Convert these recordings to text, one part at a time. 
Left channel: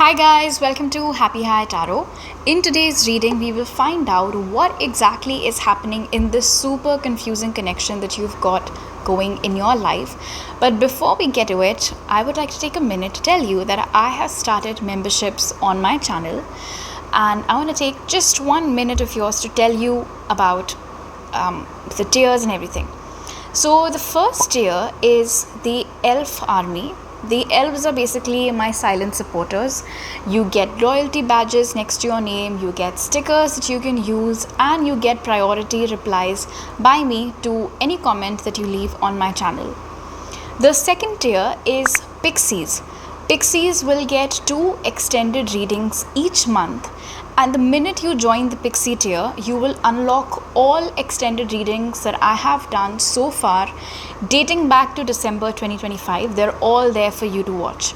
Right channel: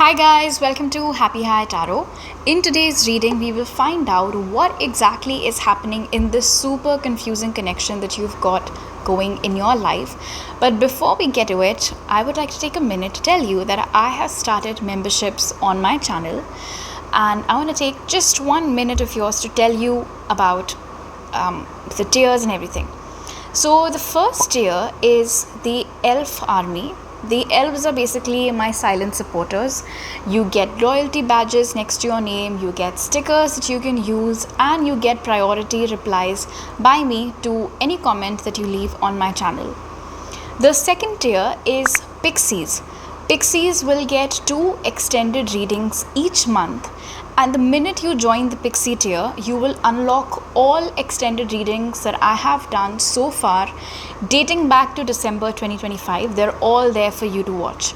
Hi guys, welcome to Happy High Tarot. In today's reading, we will find out what exactly is happening in this super confusing connection that you've got going in your life. But before we get to it, I would like to take a minute to tell you that I have started memberships on my channel, and I want to take just 1 minute of yours to tell you about the tiers and everything. So the first tier is the Elf Army. The elves are basically my silent supporters. You get loyalty badges next to your name, you get stickers that you can use, and you get priority replies by me to any comment that you leave on my channel. The second tier is Pixies. Pixies will get 2 extended readings each month, and the minute you join the Pixie tier, you will unlock all extended readings that I have done so far, dating back to December 2025. They're all there for you to watch.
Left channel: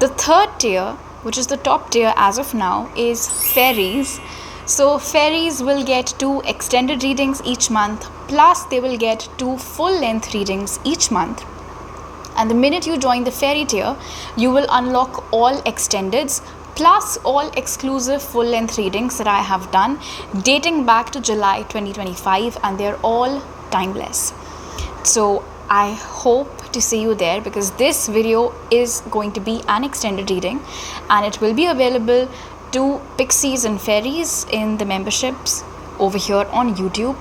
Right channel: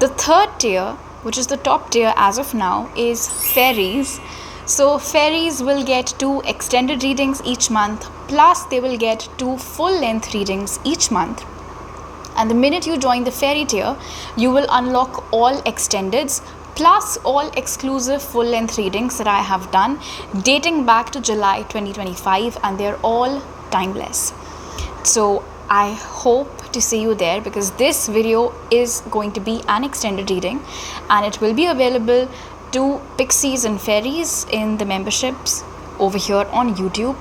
The third tier, which is the top tier as of now, is Fairies. So Fairies will get 2 extended readings each month, plus they will get 2 full-length readings each month. And the minute you join the Fairy tier, you will unlock all extendeds plus all exclusive full-length readings that I have done dating back to July 2025, and they're all timeless. So I hope to see you there, because this video is going to be an extended reading and it will be available to Pixies and Fairies in the memberships over here on YouTube.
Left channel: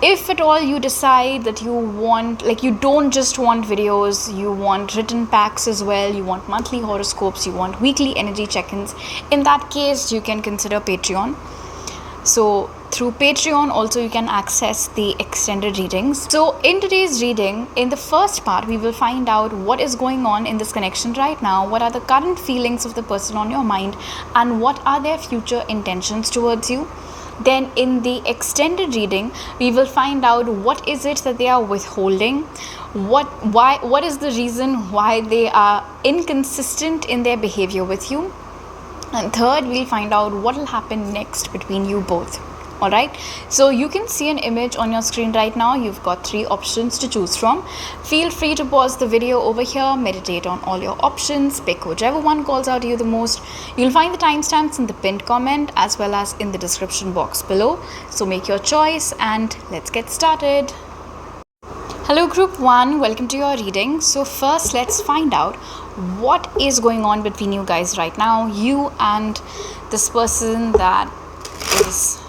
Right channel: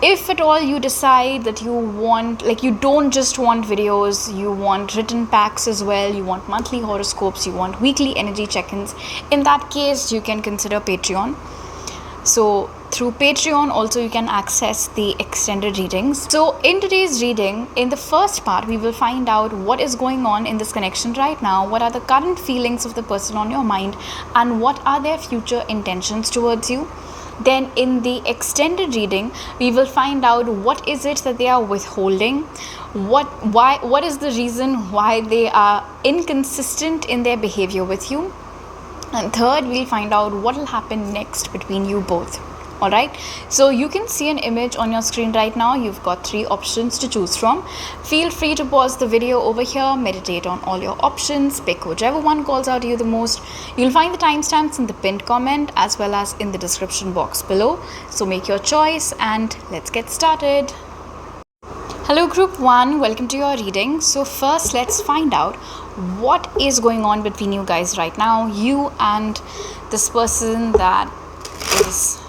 If at all you decide that you want, you don't just want videos, you want written packs as well, you want monthly horoscopes, you want weekly energy check-ins, in that case you can consider Patreon. So through Patreon also you can access the extended readings. So in today's reading, in the first part, we will find out what is going on in this connection right now, what are the current feelings of the person on your mind, and what are their future intentions towards you. Then in the extended reading, we will find out what is it that they are withholding, what is the reason why they are inconsistent in their behavior with you. And third, we'll find out what will happen next between you both. Alright, so you can see an image on your screen right now. You've got 3 options to choose from. Feel free to pause the video over here, meditate on all your options, pick whichever one calls out to you the most. You'll find the timestamps in the pinned comment as well as in the description box below. So make your choice and let's get started. Hello Group 1, welcome to your reading. So first, let's find out what is going on between you guys right now, you and this person that is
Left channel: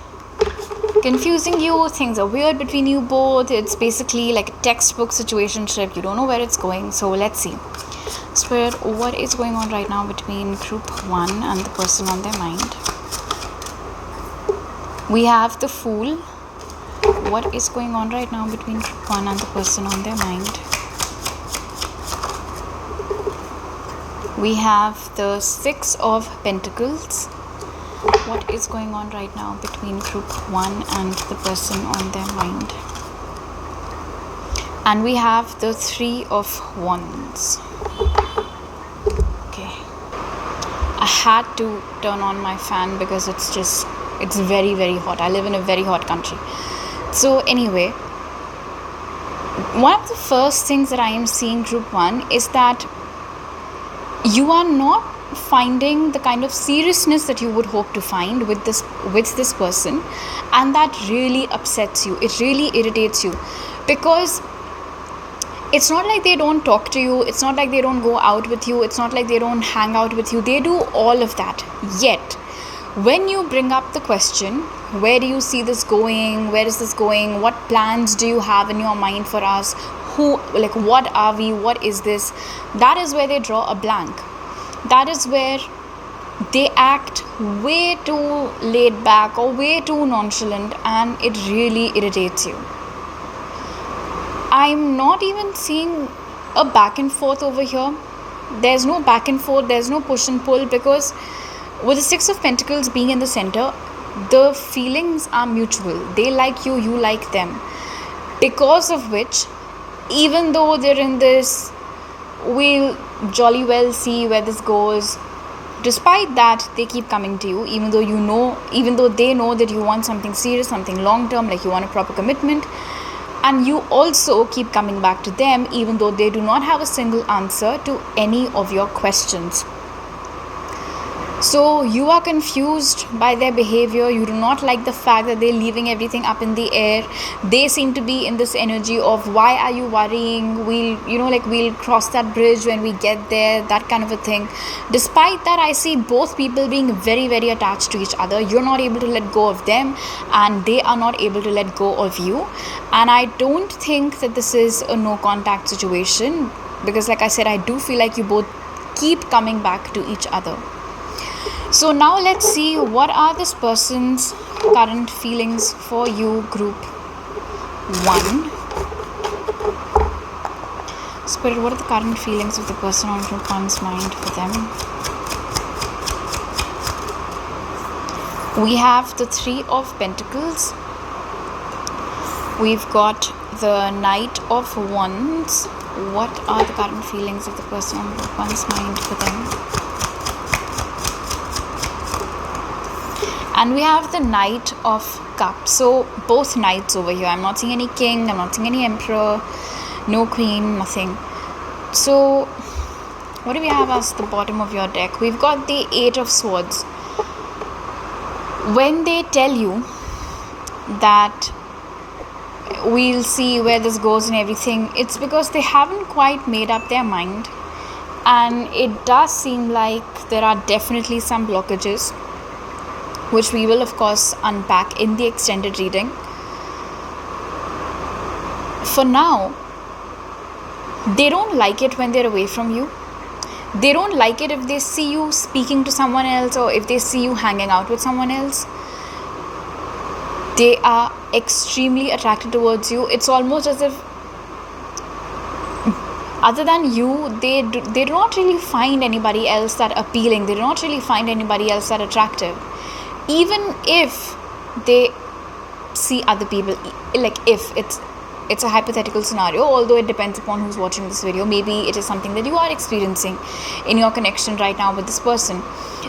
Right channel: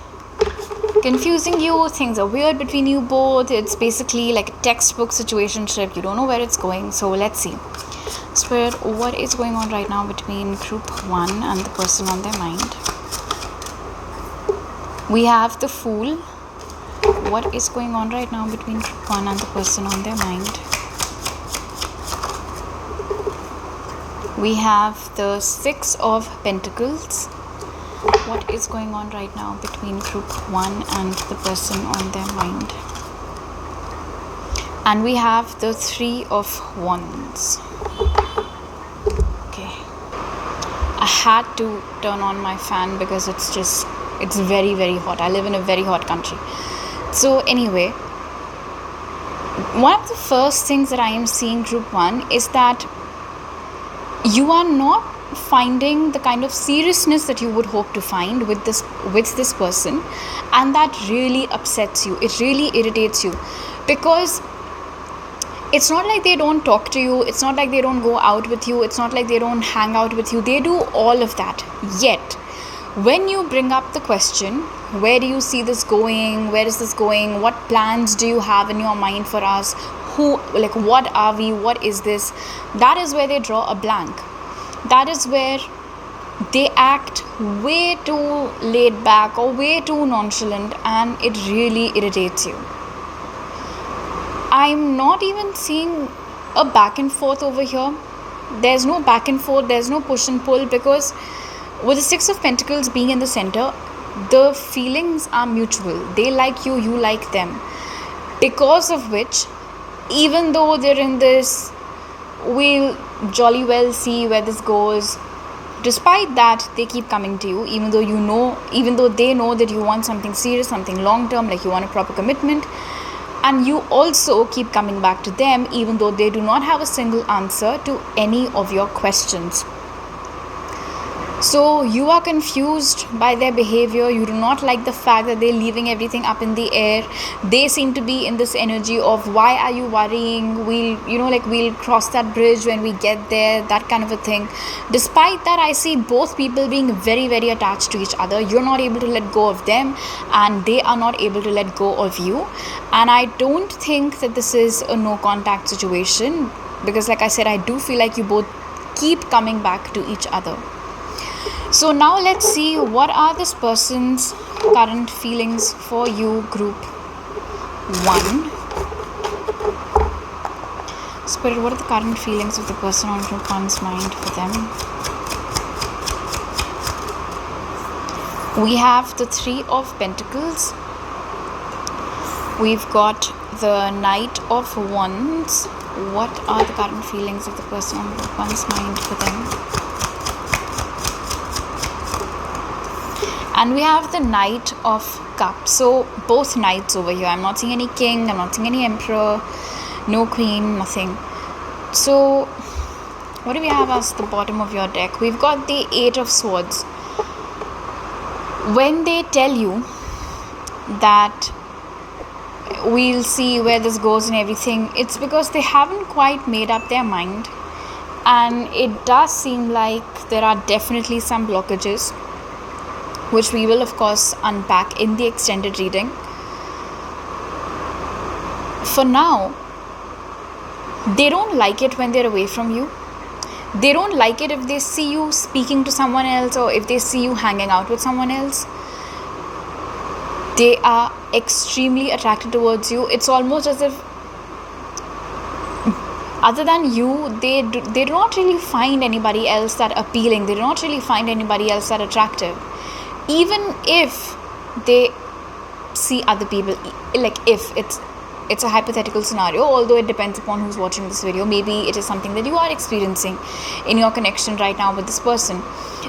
confusing you. Things are weird between you both. It's basically like a textbook situationship. You don't know where it's going. So let's see. So what is going on right now between Group 1 and the person on their mind? We have the Fool. What is going on right now between Group 1 and the person on their mind? We have the 6 of Pentacles. What is going on right now between Group 1 and the person on their mind? And we have the 3 of Wands. Okay. I had to turn on my fan because it's very, very hot. I live in a very hot country. So anyway, one of the first things that I am seeing, Group 1, is that you are not finding the kind of seriousness that you would hope to find with this person, and that really upsets you. It really irritates you, because it's not like they don't talk to you, it's not like they don't go out with you, it's not like they don't hang out with you. They do all of that. Yet when you bring up the question, where do you see this going, where is this going, what plans do you have in your mind for us, what are we, what is this, that is where they draw a blank. That is where they act way too laid back or way too nonchalant, and it really irritates you. I'm not even seeing a back and forth over here. There's no back and forth, there's no push and pull, because with the 6 of Pentacles being in the center, the feelings are mutual. They like you, you like them. Because of which, even though they're in this, we'll jolly well see where this goes, despite that they keep coming to you, even though they know that you want something serious, something long term, like you want a proper commitment. And you also keep coming back to them, even though they do not have a single answer to any of your questions. So you are confused by their behavior. You do not like the fact that they're leaving everything up in the air. They seem to be in this energy of, why are you worrying? We'll cross that bridge when we get there, that kind of a thing. Despite that, I see both people being very, very attached to each other. You're not able to let go of them, and they are not able to let go of you. And I don't think that this is a no contact situation, because like I said, I do feel like you both keep coming back to each other. So now let's see what are this person's current feelings for you, group 1. Spirit, what are the current feelings of the person on group 1's mind for them? We have the 3 of Pentacles. We've got the Knight of Wands. What are the current feelings of the person on group 1's mind for them? And we have the Knight of Cups. So both knights over here. I'm not seeing any king, I'm not seeing any emperor, no queen, nothing. So what do we have as the bottom of your deck? We've got the 8 of Swords. When they tell you that we'll see where this goes and everything, it's because they haven't quite made up their mind. And it does seem like there are definitely some blockages, which we will of course unpack in the extended reading. For now, they don't like it when they're away from you. They don't like it if they see you speaking to someone else, or if they see you hanging out with someone else. They are extremely attracted towards you. It's almost as if, other than you, they do not really find anybody else that appealing. They do not really find anybody else that attractive. Even if they see other people, like if it's a hypothetical scenario, although it depends upon who's watching this video. Maybe it is something that you are experiencing in your connection right now with this person.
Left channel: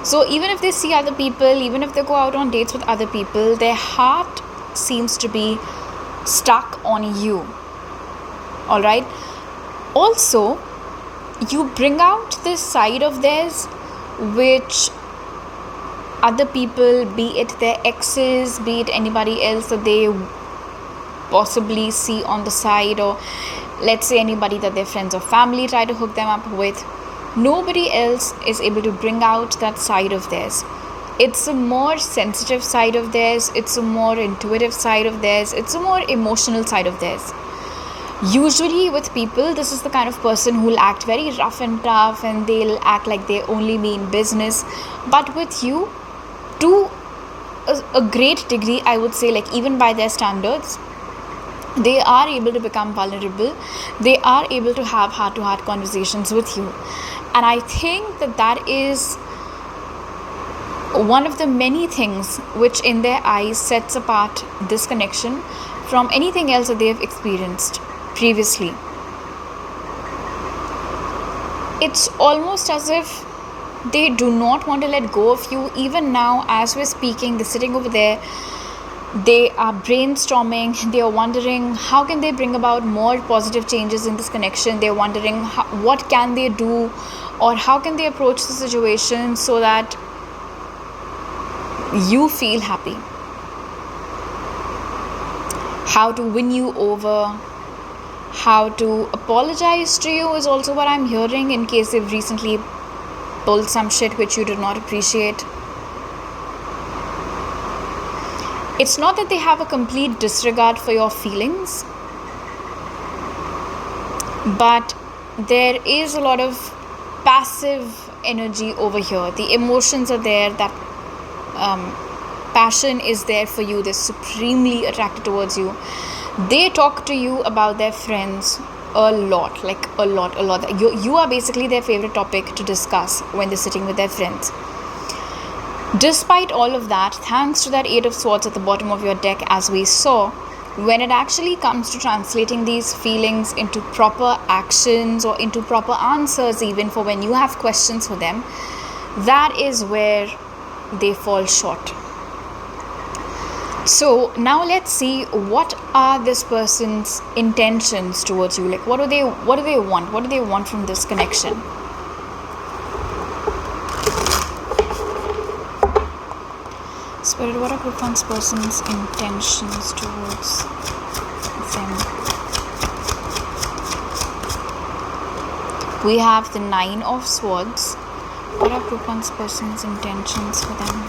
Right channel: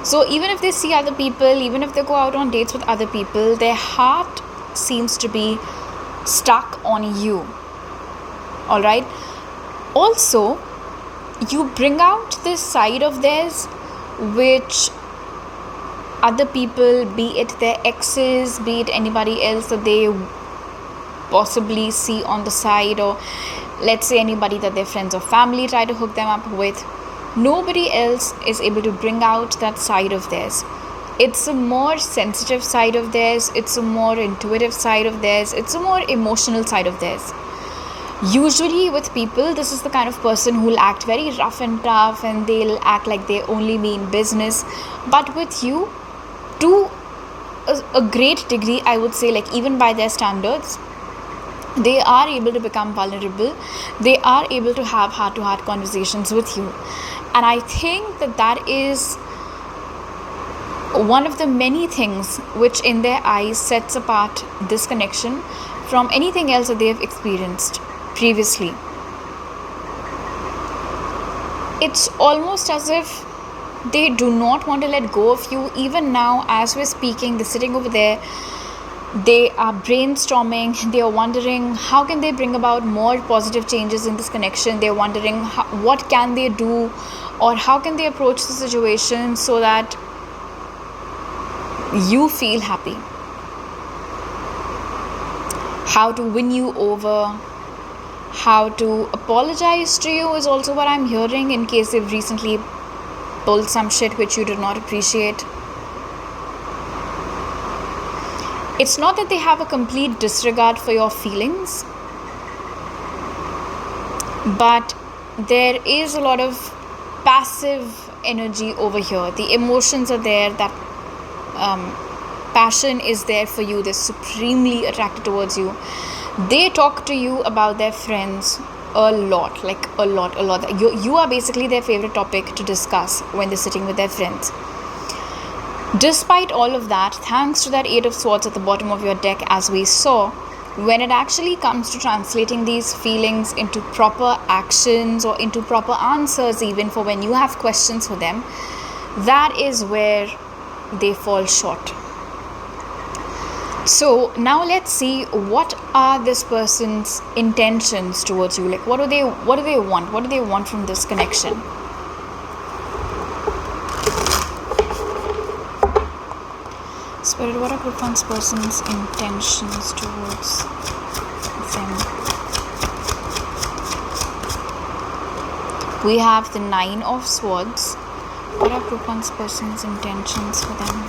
So even if they see other people, even if they go out on dates with other people, their heart seems to be stuck on you. All right. Also, you bring out this side of theirs which other people, be it their exes, be it anybody else that they possibly see on the side, or let's say anybody that their friends or family try to hook them up with, nobody else is able to bring out that side of theirs. It's a more sensitive side of theirs, it's a more intuitive side of theirs, it's a more emotional side of theirs. Usually with people, this is the kind of person who will act very rough and tough, and they'll act like they only mean business. But with you, to a great degree, I would say, like even by their standards, they are able to become vulnerable. They are able to have heart-to-heart conversations with you. And I think that is one of the many things which in their eyes sets apart this connection from anything else that they have experienced previously. It's almost as if they do not want to let go of you. Even now, as we're speaking, they're sitting over there, they are brainstorming, they are wondering how can they bring about more positive changes in this connection. They're wondering what can they do, or how can they approach the situation so that you feel happy. How to win you over, how to apologize to you is also what I'm hearing, in case they've recently pulled some shit which you did not appreciate. It's not that they have a complete disregard for your feelings, but there is a lot of passive energy over here. The emotions are there, that passion is there for you. They're supremely attracted towards you. They talk to you about their friends a lot, like a lot. You are basically their favorite topic to discuss when they're sitting with their friends. Despite all of that, thanks to that 8 of Swords at the bottom of your deck, as we saw, when it actually comes to translating these feelings into proper actions or into proper answers, even for when you have questions for them, that is where they fall short. So now let's see, what are this person's intentions towards you? Like, what do they want? What do they want from this connection? Spirit, what are group one's person's intentions towards them? We have the 9 of Swords. What are group one's person's intentions for them?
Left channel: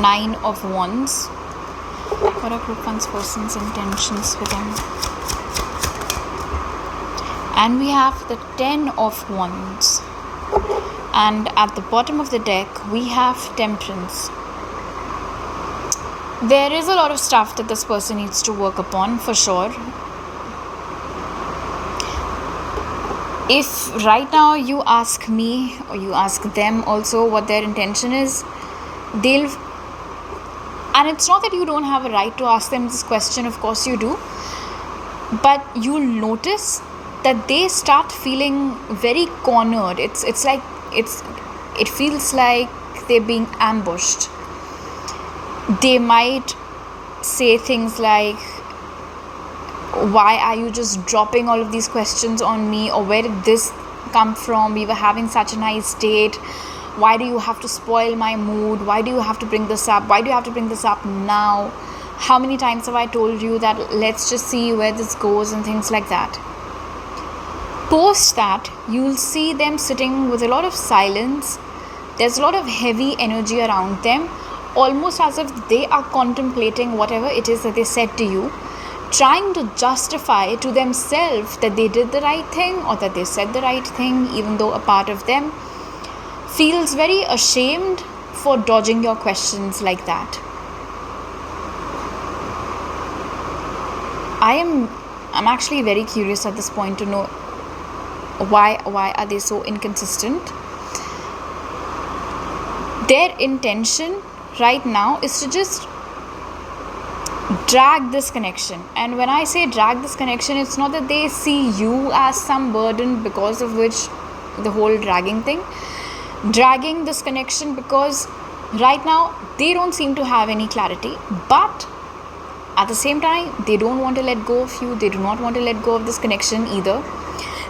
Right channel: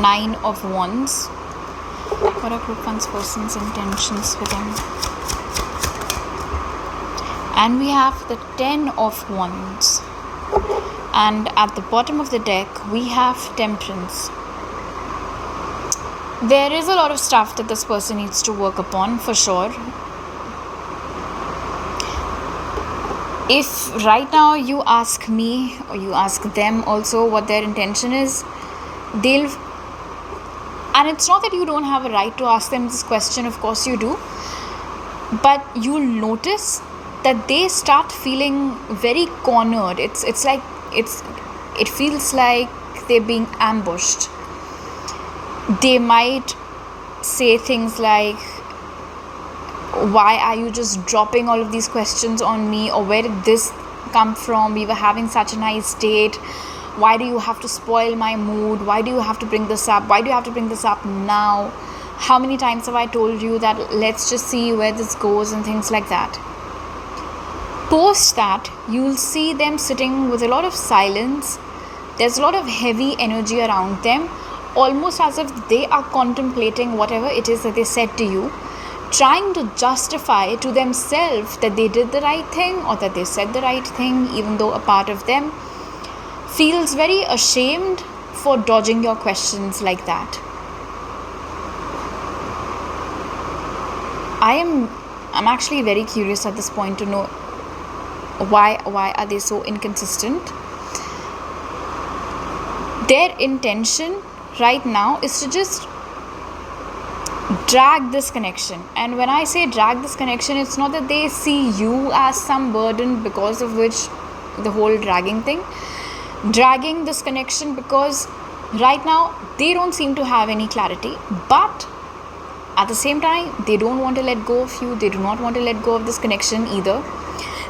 Nine of Wands. What are group one's person's intentions for them? And we have the 10 of Wands. And at the bottom of the deck, we have Temperance. There is a lot of stuff that this person needs to work upon, for sure. If right now you ask me, or you ask them also what their intention is, and it's not that you don't have a right to ask them this question, of course you do, but you'll notice that they start feeling very cornered. It feels like they're being ambushed. They might say things like, why are you just dropping all of these questions on me, or where did this come from? We were having such a nice date. Why do you have to spoil my mood? Why do you have to bring this up? Why do you have to bring this up now? How many times have I told you that let's just see where this goes, and things like that. Post that, you'll see them sitting with a lot of silence. There's a lot of heavy energy around them, almost as if they are contemplating whatever it is that they said to you, trying to justify to themselves that they did the right thing or that they said the right thing, even though a part of them feels very ashamed for dodging your questions like that. I'm actually very curious at this point to know why are they so inconsistent. Their intention right now is to just drag this connection. And when I say drag this connection, it's not that they see you as some burden, because of which the whole dragging thing. Dragging this connection because right now they don't seem to have any clarity, but at the same time they don't want to let go of you. They do not want to let go of this connection either.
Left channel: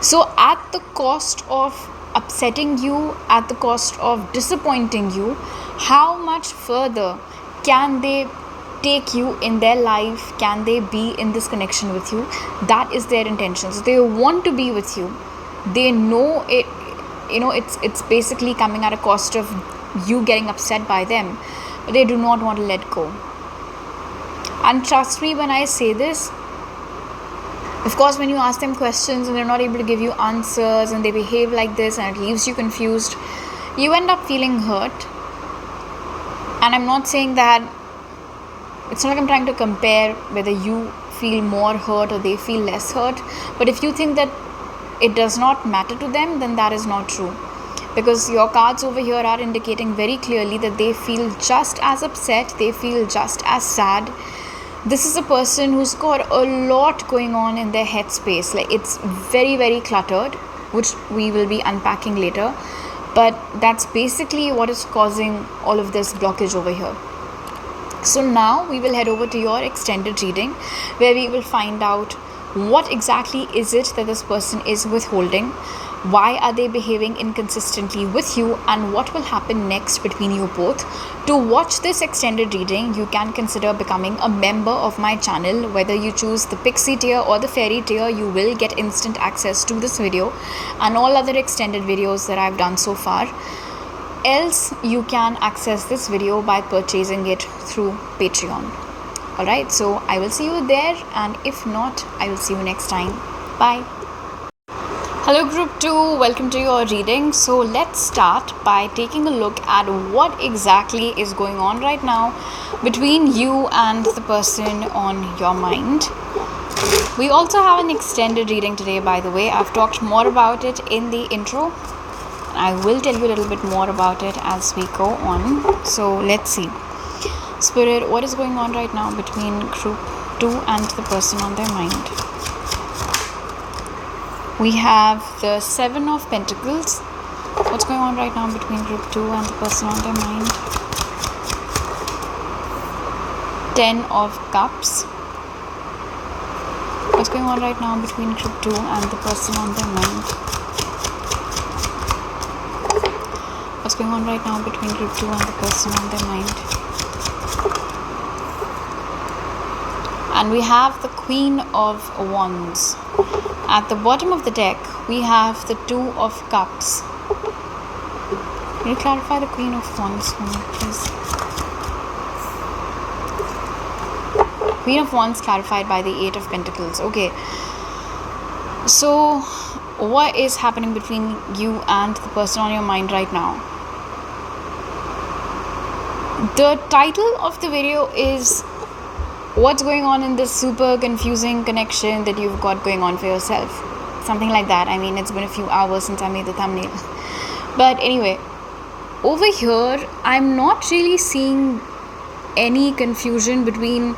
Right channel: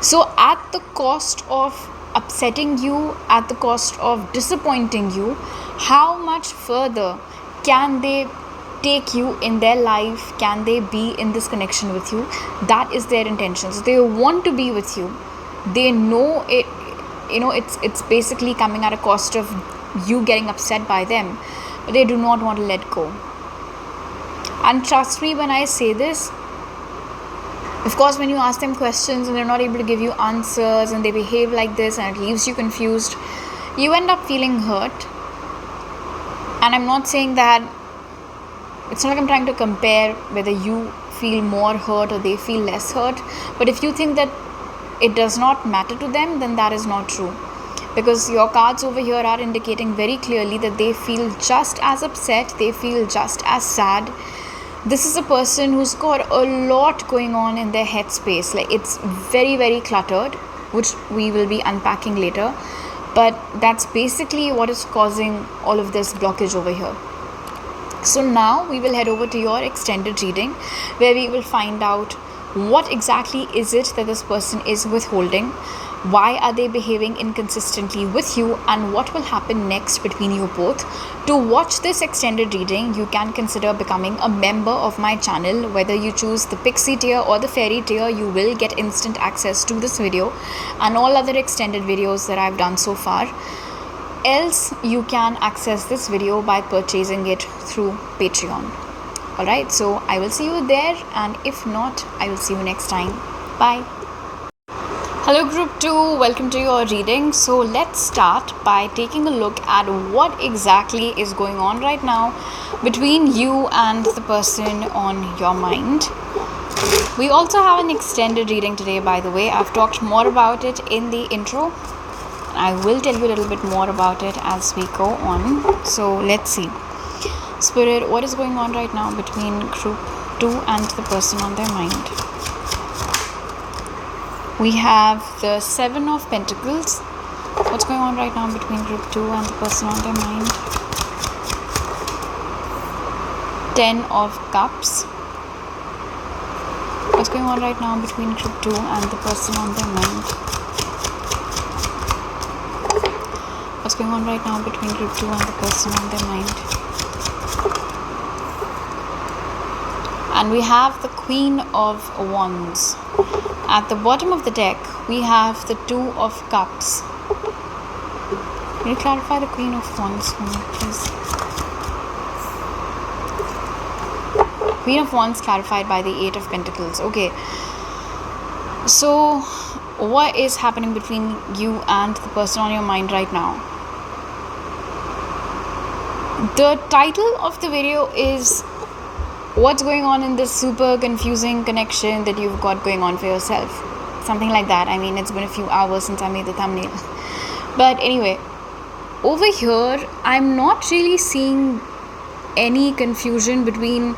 So at the cost of upsetting you, at the cost of disappointing you, how much further can they take you in their life? Can they be in this connection with you? That is their intention. So they want to be with you. They know it, it's basically coming at a cost of you getting upset by them, but they do not want to let go. And trust me when I say this, of course, when you ask them questions and they're not able to give you answers and they behave like this and it leaves you confused, you end up feeling hurt. And I'm not saying that, it's not like I'm trying to compare whether you feel more hurt or they feel less hurt. But if you think that it does not matter to them, then that is not true. Because your cards over here are indicating very clearly that they feel just as upset, they feel just as sad. This is a person who's got a lot going on in their headspace. Like, it's very, very cluttered, which we will be unpacking later. But that's basically what is causing all of this blockage over here. So now we will head over to your extended reading, where we will find out what exactly is it that this person is withholding, why are they behaving inconsistently with you, and what will happen next between you both. To watch this extended reading, you can consider becoming a member of my channel. Whether you choose the Pixie tier or the Fairy tier, you will get instant access to this video and all other extended videos that I've done so far. Else, you can access this video by purchasing it through Patreon. Alright, so I will see you there, and if not, I will see you next time. Bye. Hello group 2, welcome to your reading. So let's start by taking a look at what exactly is going on right now between you and the person on your mind. We also have an extended reading today, by the way. I've talked more about it in the intro. I will tell you a little bit more about it as we go on. So let's see. Spirit, what is going on right now between group 2 and the person on their mind? We have the 7 of Pentacles. What's going on right now between group 2 and the person on their mind? 10 of Cups. What's going on right now between group 2 and the person on their mind? going on right now between group 2 and the person on their mind. And we have the Queen of Wands. At the bottom of the deck, we have the Two of Cups. Can you clarify the Queen of Wands for me, please? Queen of Wands clarified by the Eight of Pentacles. Okay. So, what is happening between you and the person on your mind right now? The title of the video is what's going on in this super confusing connection that you've got going on for yourself. Something like that. I mean, it's been a few hours since I made the thumbnail. But anyway, over here, I'm not really seeing any confusion between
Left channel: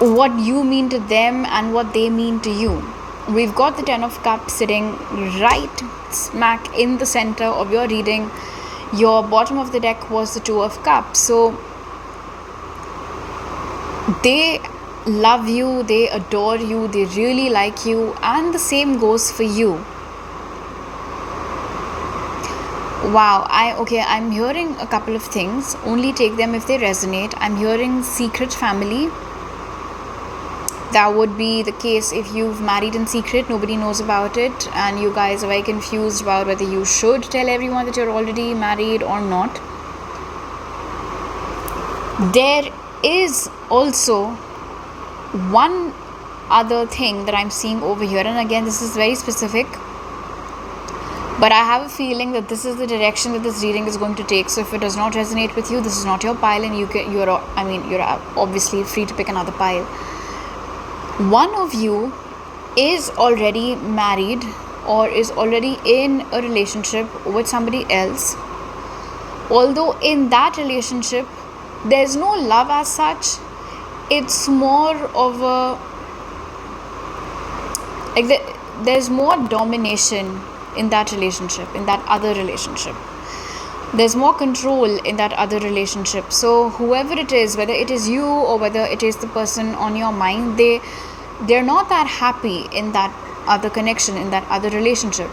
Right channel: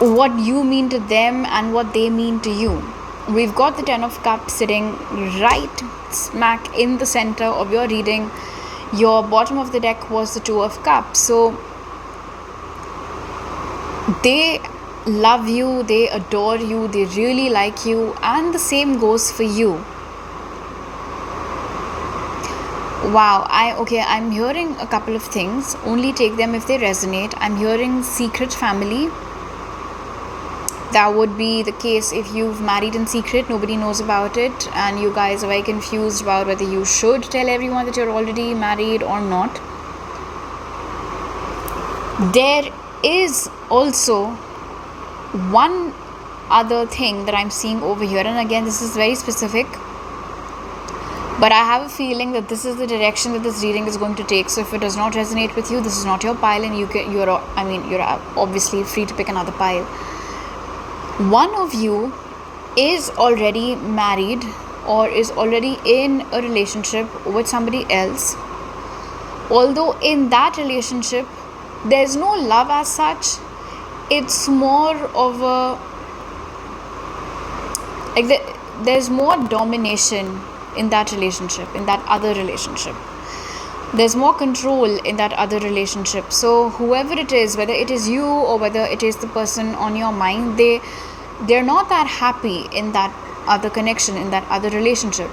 what you mean to them and what they mean to you. We've got the Ten of Cups sitting right smack in the center of your reading. Your bottom of the deck was the Two of Cups. So they love you, they adore you, they really like you, and the same goes for you. Wow, I'm hearing a couple of things. Only take them if they resonate. I'm hearing secret family. That would be the case if you've married in secret, nobody knows about it, and you guys are very confused about whether you should tell everyone that you're already married or not. There is also one other thing that I'm seeing over here, and again, this is very specific, but I have a feeling that this is the direction that this reading is going to take. So if it does not resonate with you, this is not your pile, and you're obviously free to pick another pile. One of you is already married or is already in a relationship with somebody else. Although in that relationship, there's no love as such. It's more of there's more domination in that relationship, in that other relationship. There's more control in that other relationship. So whoever it is, whether it is you or whether it is the person on your mind, they're not that happy in that other connection, in that other relationship.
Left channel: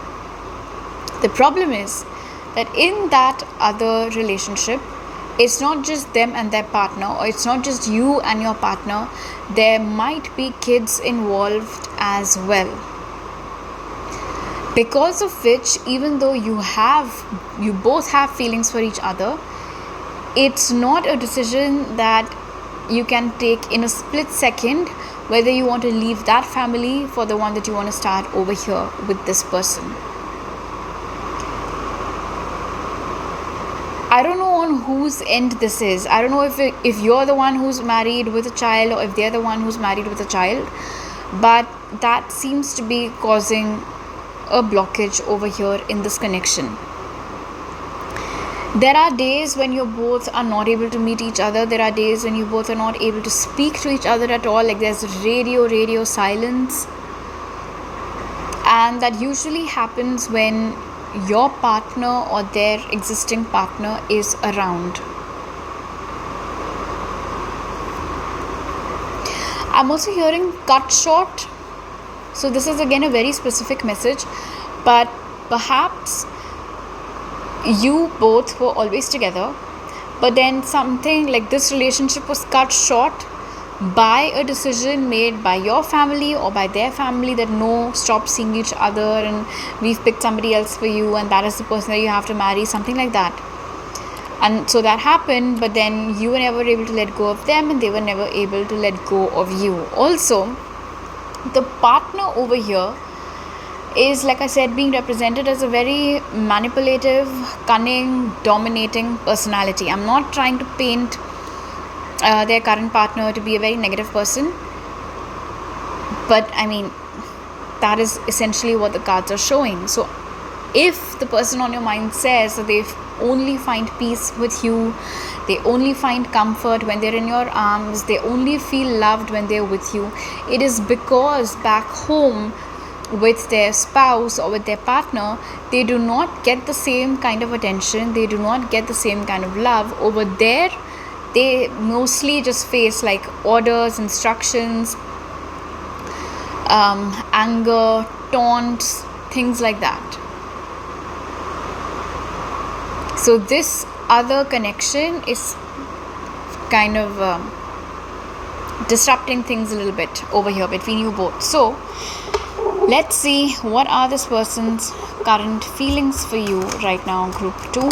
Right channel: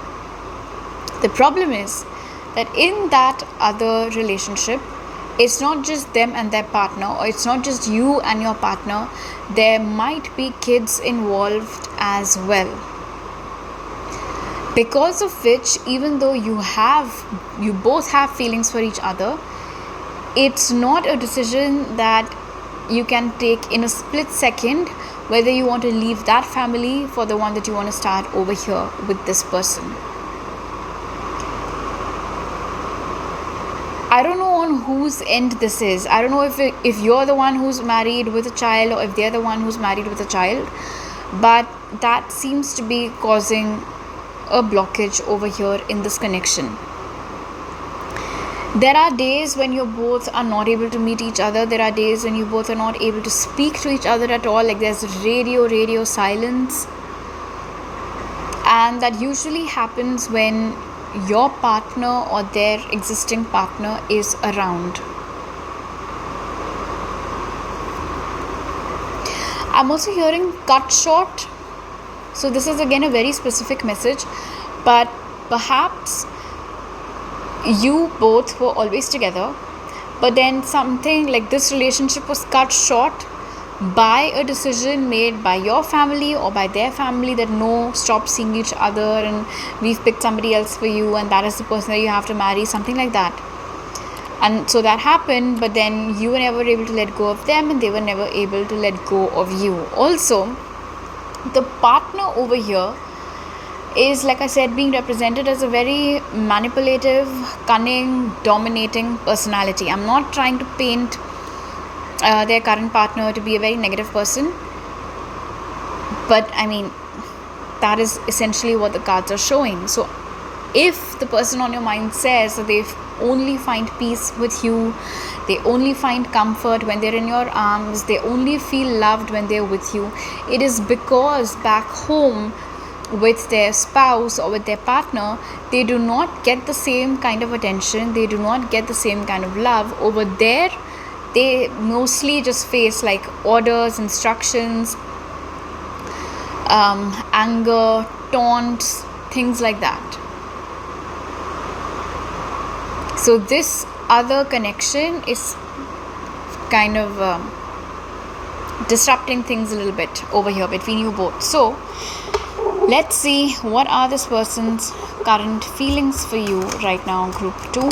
The problem is that in that other relationship, it's not just them and their partner, or it's not just you and your partner. There might be kids involved as well. Because of which, even though you both have feelings for each other, it's not a decision that you can take in a split second, whether you want to leave that family for the one that you want to start over here with this person. I don't know on whose end this is. I don't know if you're the one who's married with a child or if they're the one who's married with a child, but that seems to be causing a blockage over here in this connection. There are days when you both are not able to meet each other. There are days when you both are not able to speak to each other at all. Like there's radio silence. And that usually happens when your partner or their existing partner is around. I'm also hearing cut short. So this is again a very specific message. But perhaps you both were always together, but then something like this relationship was cut short by a decision made by your family or by their family that no, stop seeing each other and we've picked somebody else for you and that is the person that you have to marry, something like that. And so that happened, but then you were never able to let go of them and they were never able to let go of you. Also, the partner over here is, like I said, being represented as a very manipulative, cunning, dominating personality. I'm not trying to paint their current partner to be a very negative person, but I mean, that is essentially what the cards are showing. So if the person on your mind says that they only find peace with you, they only find comfort when they're in your arms, they only feel loved when they're with you, it is because back home with their spouse or with their partner, they do not get the same kind of attention, they do not get the same kind of love. Over there, they mostly just face like orders, instructions, anger, taunts, things like that. So this other connection is kind of disrupting things a little bit over here between you both. So let's see what are this person's current feelings for you right now, group 2.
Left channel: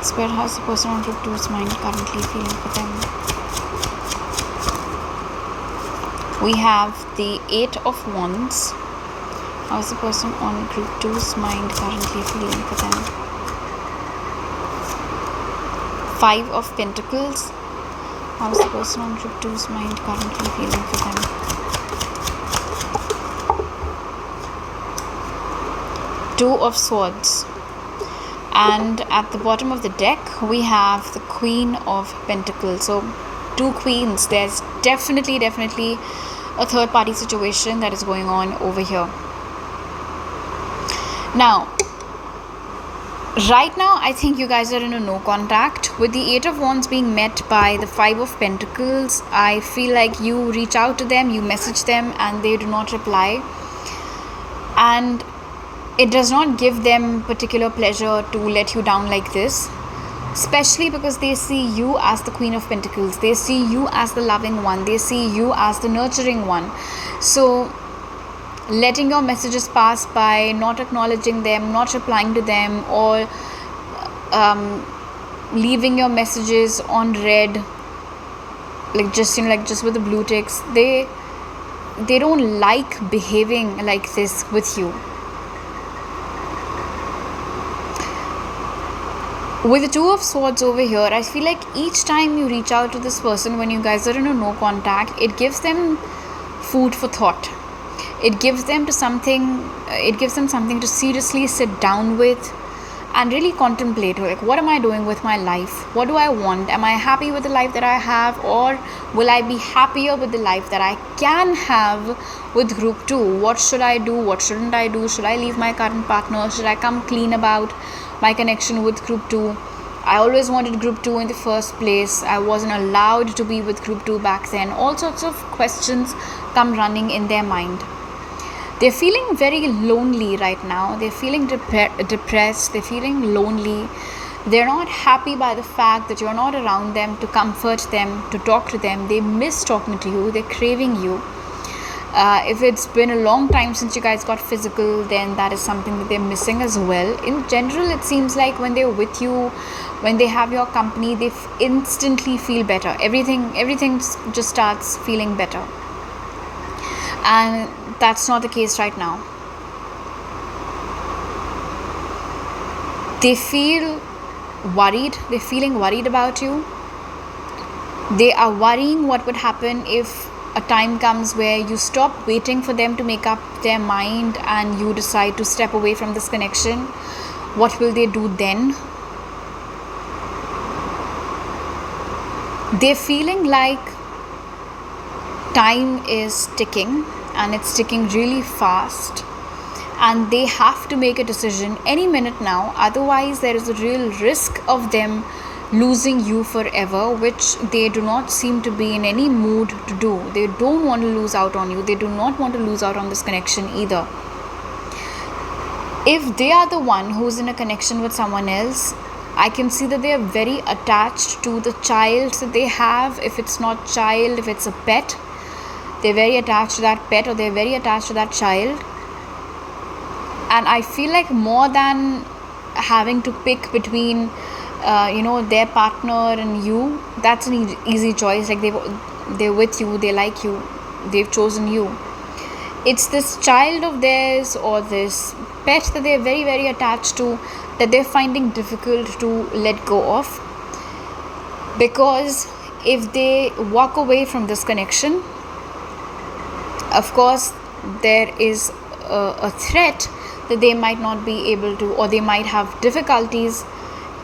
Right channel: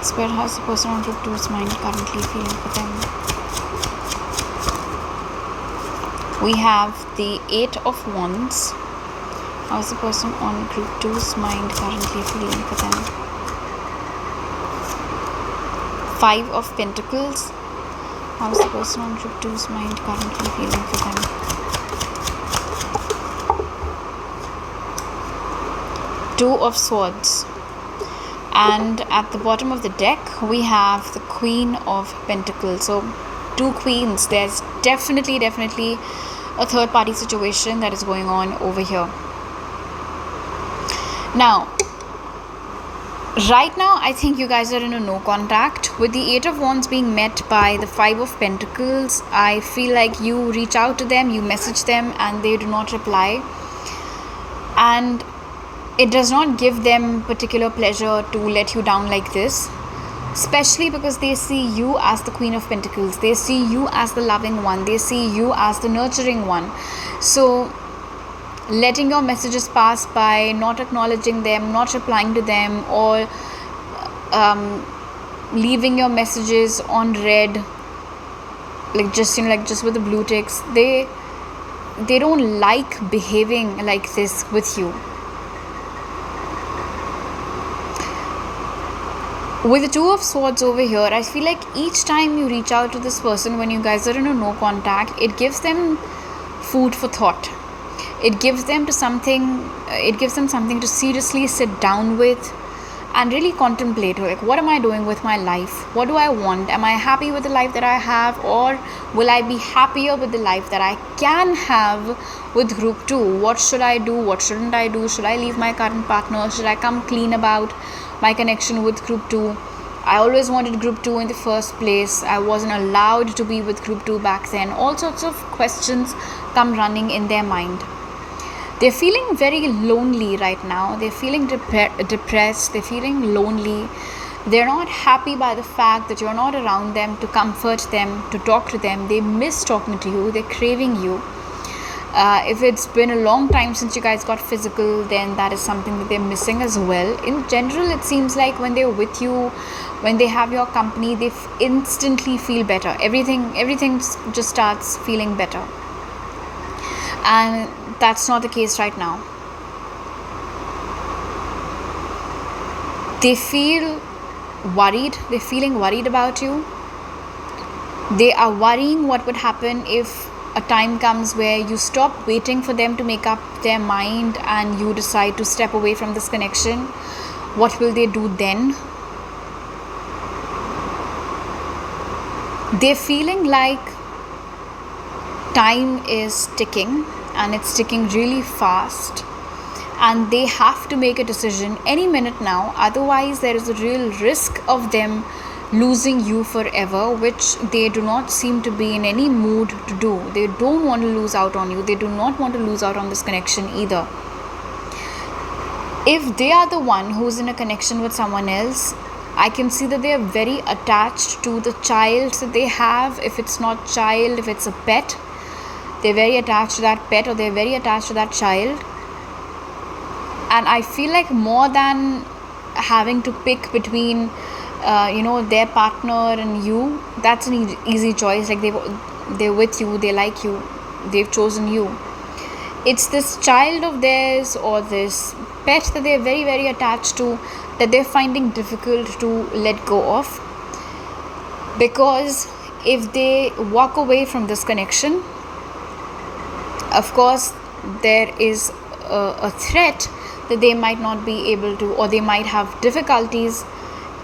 Spirit, how's the person on group 2's mind currently feeling for them? We have the 8 of Wands. How's the person on group 2's mind currently feeling for them? 5 of Pentacles. How's the person on group 2's mind currently feeling for them? Two of Swords. And at the bottom of the deck, we have the Queen of Pentacles. So, 2 queens. There's definitely a third party situation that is going on over here. Now, right now, I think you guys are in a no contact. With the 8 of Wands being met by the 5 of Pentacles, I feel like you reach out to them, you message them, and they do not reply. And it does not give them particular pleasure to let you down like this, especially because they see you as the Queen of Pentacles. They see you as the loving one. They see you as the nurturing one. So letting your messages pass by, not acknowledging them, not replying to them, or leaving your messages on read, like just with the blue ticks, they don't like behaving like this with you. With the 2 of Swords over here, I feel like each time you reach out to this person when you guys are in a no contact, it gives them food for thought. It gives them something to seriously sit down with and really contemplate, like, what am I doing with my life? What do I want? Am I happy with the life that I have, or will I be happier with the life that I can have with group 2? What should I do? What shouldn't I do? Should I leave my current partner? Should I come clean about my connection with group 2? I always wanted group 2 in the first place. I wasn't allowed to be with group 2 back then. All sorts of questions come running in their mind. They're feeling very lonely right now. They're feeling depressed. They're feeling lonely. They're not happy by the fact that you're not around them to comfort them, to talk to them. They miss talking to you. They're craving you. If it's been a long time since you guys got physical, then that is something that they're missing as well. In general, it seems like when they're with you, when they have your company, they instantly feel better. Everything just starts feeling better. And that's not the case right now. They feel worried. They're feeling worried about you. They are worrying what would happen if a time comes where you stop waiting for them to make up their mind and you decide to step away from this connection. What will they do then? They're feeling like time is ticking, and it's ticking really fast, and they have to make a decision any minute now. Otherwise, there is a real risk of them losing you forever, which they do not seem to be in any mood to do. They don't want to lose out on you. They do not want to lose out on this connection either. If they are the one who's in a connection with someone else, I can see that they are very attached to the child that they have. If it's not child, if it's a pet, they're very attached to that pet, or they're very attached to that child. And I feel like more than having to pick between their partner and you, that's an easy choice. Like they're with you, they like you, they've chosen you. It's this child of theirs or this pet that they're very, very attached to, that they're finding difficult to let go of. Because if they walk away from this connection, of course there is a threat that they might not be able to, or they might have difficulties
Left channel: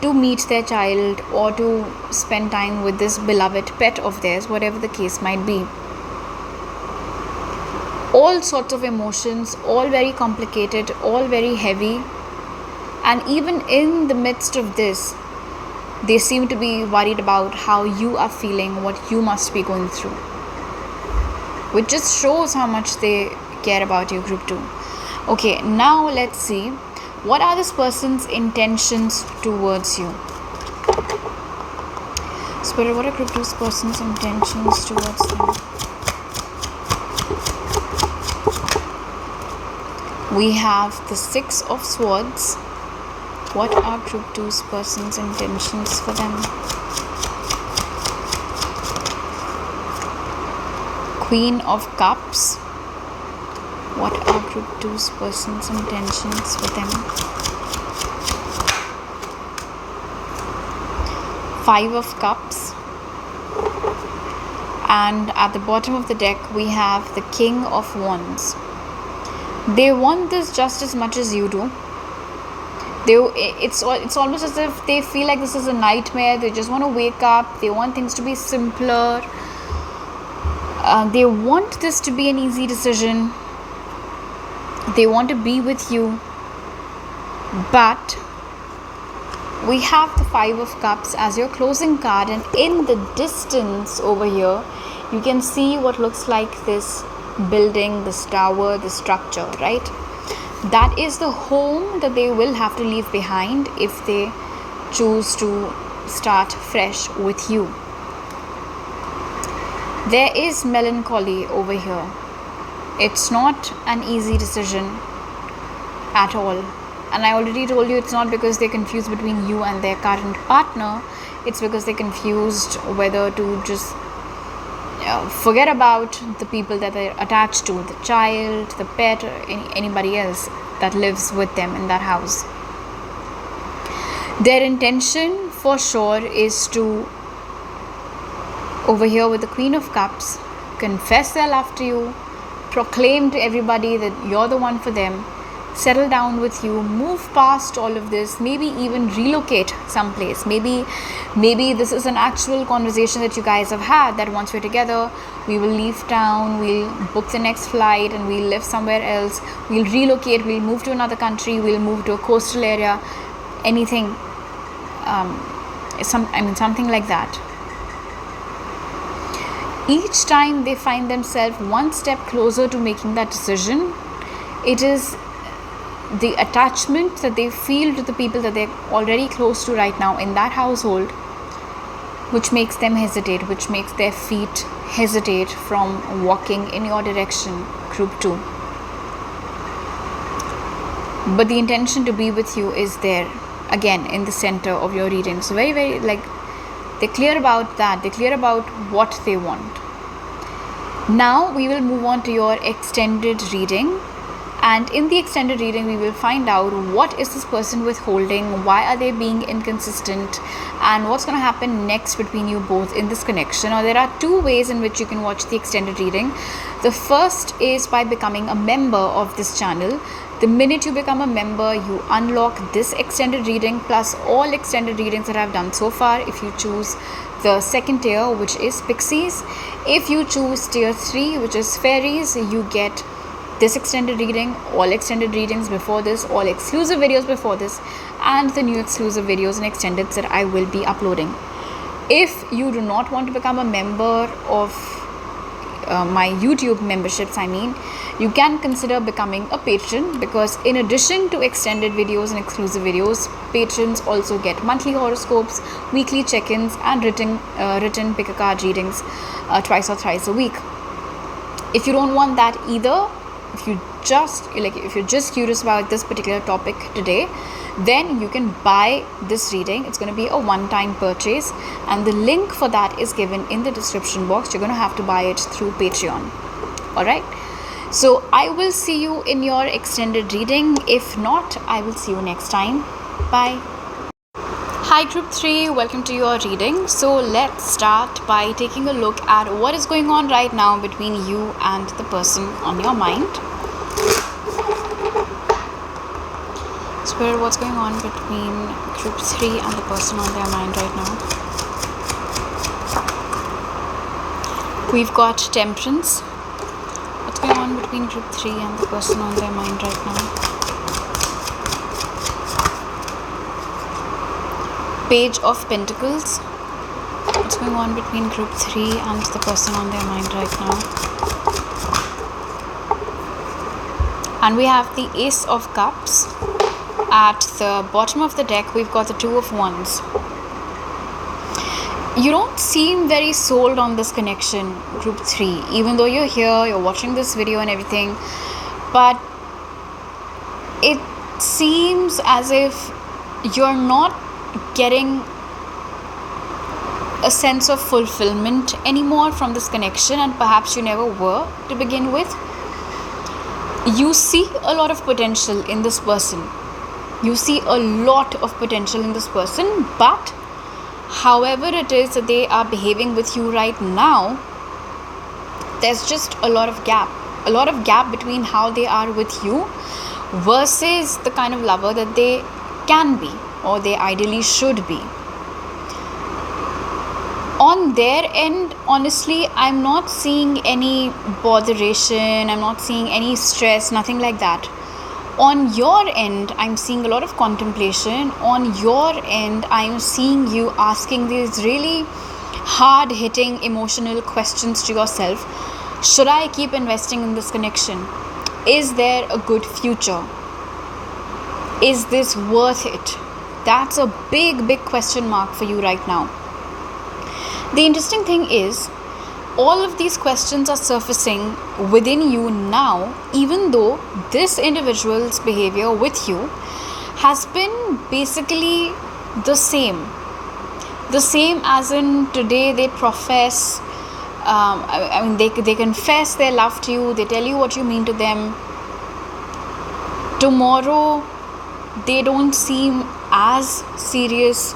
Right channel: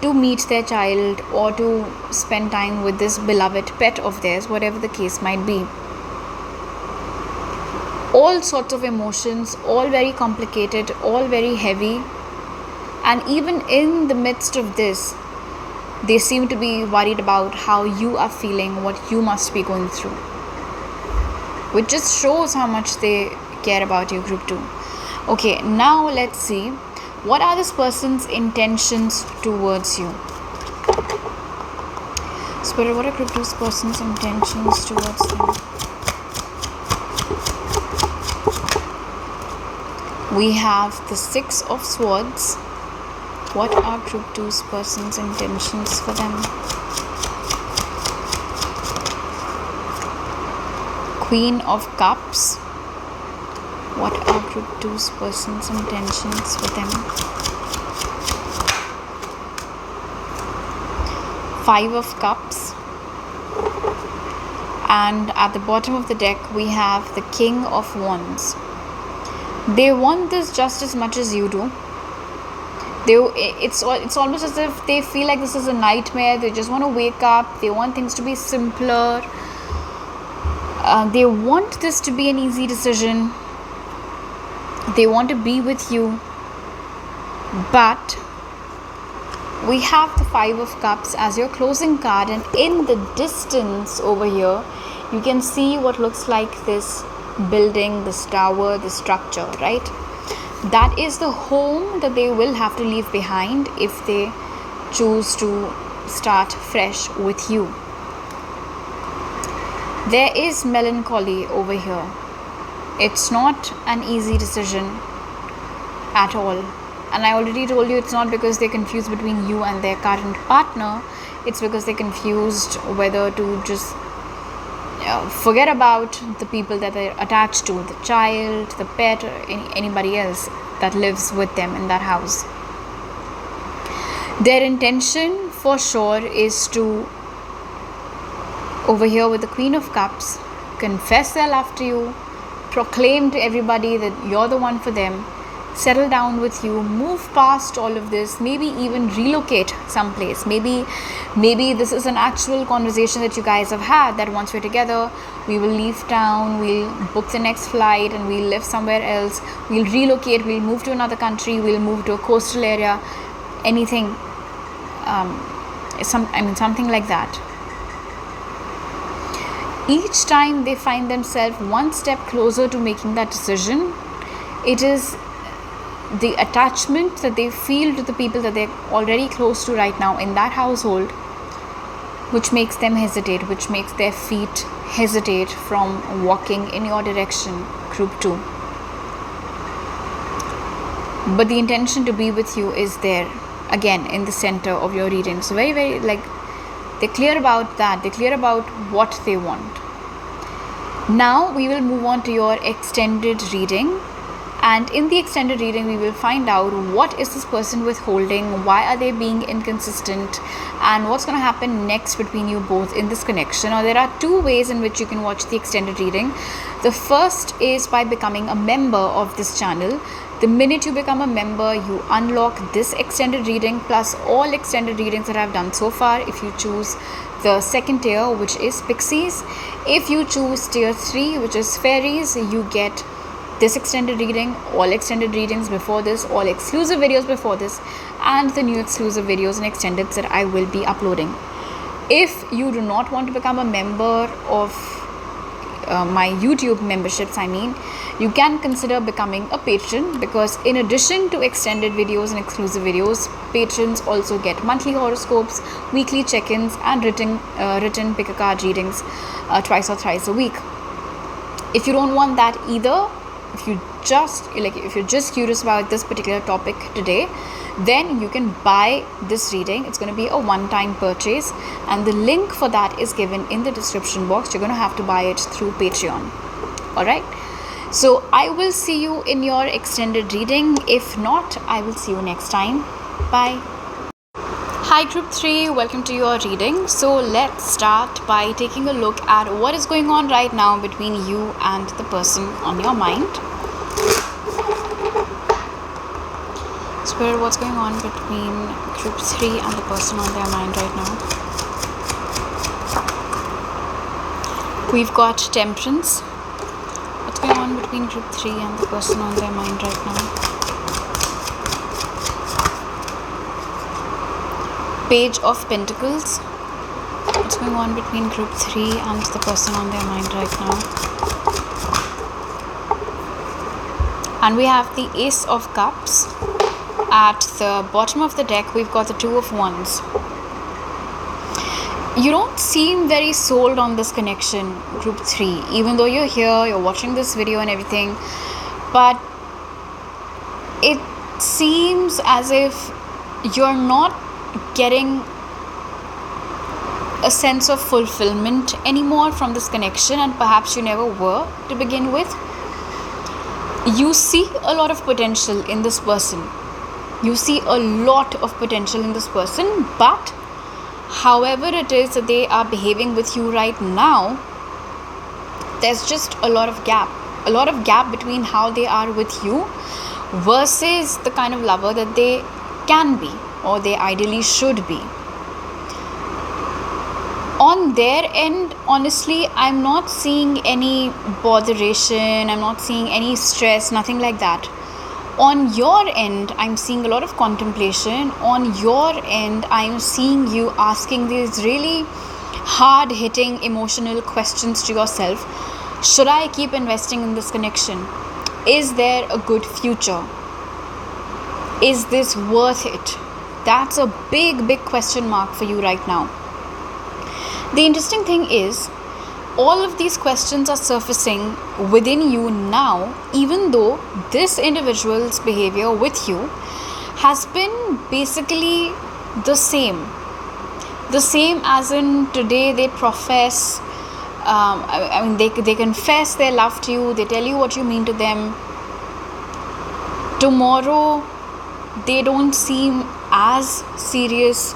to meet their child or to spend time with this beloved pet of theirs, whatever the case might be. All sorts of emotions, all very complicated, all very heavy. And even in the midst of this, they seem to be worried about how you are feeling, what you must be going through, which just shows how much they care about you, group 2. Okay, now let's see What are this person's intentions towards you? Spirit, what are group 2's person's intentions towards you? We have the 6 of Swords. What are group 2's person's intentions for them? Queen of Cups. What are group 2's person's intentions for them? 5 of Cups. And at the bottom of the deck we have the King of Wands. They want this just as much as you do. It's almost as if they feel like this is a nightmare. They just want to wake up. They want things to be simpler. They want this to be an easy decision. They want to be with you. But we have the 5 of Cups as your closing card, and in the distance over here you can see what looks like this building, this tower, this structure, right? That is the home that they will have to leave behind if they choose to start fresh with you. There is melancholy over here. It's not an easy decision at all. And I already told you it's not because they're confused between you and their current partner. It's because they're confused whether to just forget about the people that they're attached to, the child, the pet, or anybody else that lives with them in that house. Their intention for sure is to, over here with the Queen of Cups, confess their love to you, proclaim to everybody that you're the one for them, settle down with you, move past all of this, maybe even relocate someplace. Maybe this is an actual conversation that you guys have had, that once we're together we will leave town, we'll book the next flight and we'll live somewhere else, we'll relocate, we'll move to another country, we'll move to a coastal area, anything, something like that. Each time they find themselves one step closer to making that decision, it is the attachment that they feel to the people that they're already close to right now in that household, which makes them hesitate, which makes their feet hesitate from walking in your direction, group 2. But the intention to be with you is there, again, in the center of your reading. So very, very, they're clear about that. They're clear about what they want. Now we will move on to your extended reading. And in the extended reading, we will find out what is this person withholding, why are they being inconsistent, and what's going to happen next between you both in this connection. Now, there are 2 ways in which you can watch the extended reading. The first is by becoming a member of this channel. The minute you become a member, you unlock this extended reading plus all extended readings that I've done so far. If you choose the second tier, which is Pixies, if you choose tier 3, which is Fairies, you get this extended reading, all extended readings before this, all exclusive videos before this, and the new exclusive videos and extendeds that I will be uploading. If you do not want to become a member of my YouTube memberships, you can consider becoming a patron, because in addition to extended videos and exclusive videos, patrons also get monthly horoscopes, weekly check-ins, and written pick a card readings twice or thrice a week. If you don't want that either, if you're just curious about this particular topic today, then you can buy this reading. It's going to be a one-time purchase, and the link for that is given in the description box. You're going to have to buy it through Patreon. Alright, so I will see you in your extended reading. If not, I will see you next time. Bye. Hi group 3, welcome to your reading. So let's start by taking a look at what is going on right now between you and the person on your mind. Spirit, what's going on between group 3 and the person on their mind right now? We've got Temperance. What's going on between group 3 and the person on their mind right now? Page of Pentacles. What's going on between group 3 and the person on their mind right now? And we have the Ace of Cups at the bottom of the deck, we've got the Two of Wands. You don't seem very sold on this connection, group 3, even though you're here, you're watching this video and everything, but it seems as if you're not getting a sense of fulfillment anymore from this connection, and perhaps you never were to begin with. You see a lot of potential in this person. You see a lot of potential in this person, but however it is that they are behaving with you right now, there's just a lot of gap between how they are with you versus the kind of lover that they can be or they ideally should be. On their end, honestly, I'm not seeing any botheration, I'm not seeing any stress, nothing like that. On your end, I'm seeing a lot of contemplation. On your end, I'm seeing you asking these really hard-hitting emotional questions to yourself. Should I keep investing in this connection? Is there a good future? Is this worth it? That's a big question mark for you right now. The interesting thing is, all of these questions are surfacing within you now, even though this individual's behavior with you has been basically the same. The same as in today they profess, they confess their love to you, they tell you what you mean to them. Tomorrow, they don't seem as serious.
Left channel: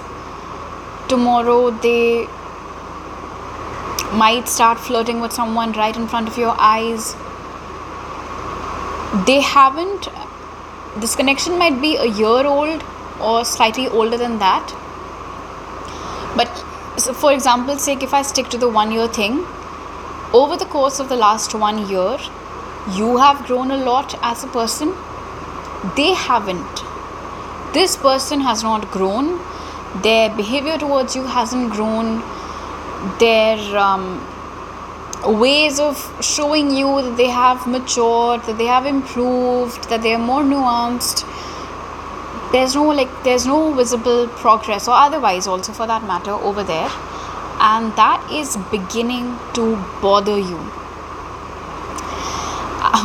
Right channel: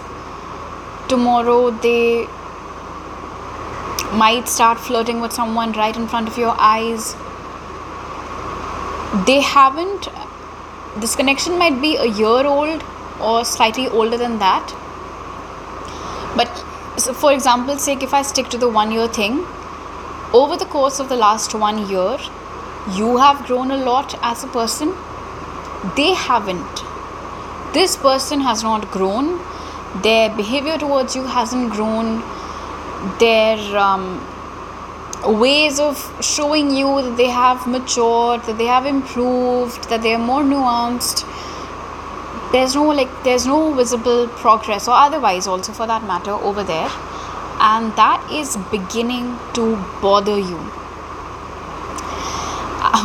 Tomorrow, they might start flirting with someone right in front of your eyes. This connection might be a year old or slightly older than that. But so for example's sake, if I stick to the 1 year thing, over the course of the last 1 year, you have grown a lot as a person. They haven't. This person has not grown. Their behavior towards you hasn't grown. Their ways of showing you that they have matured, that they have improved, that they are more nuanced. There's no visible progress, or otherwise also for that matter, over there, and that is beginning to bother you.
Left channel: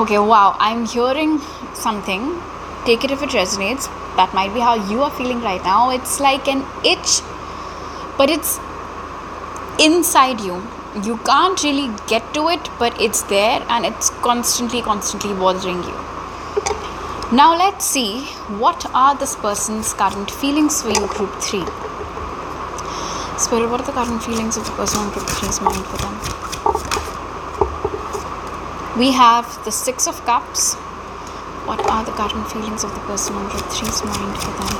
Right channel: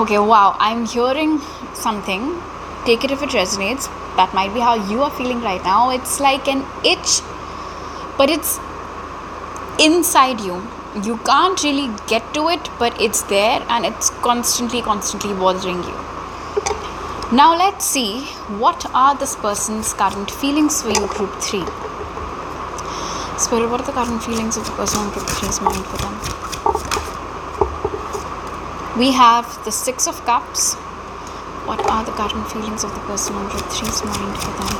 Okay, wow, I'm hearing something. Take it if it resonates. That might be how you are feeling right now. It's like an itch, but it's inside you. You can't really get to it, but it's there and it's constantly bothering you. Now let's see, what are this person's current feelings for you, group 3? Spirit, what are the current feelings of the person on group 3's mind for them? We have the 6 of Cups. What are the current feelings of the person on group 3's mind for them?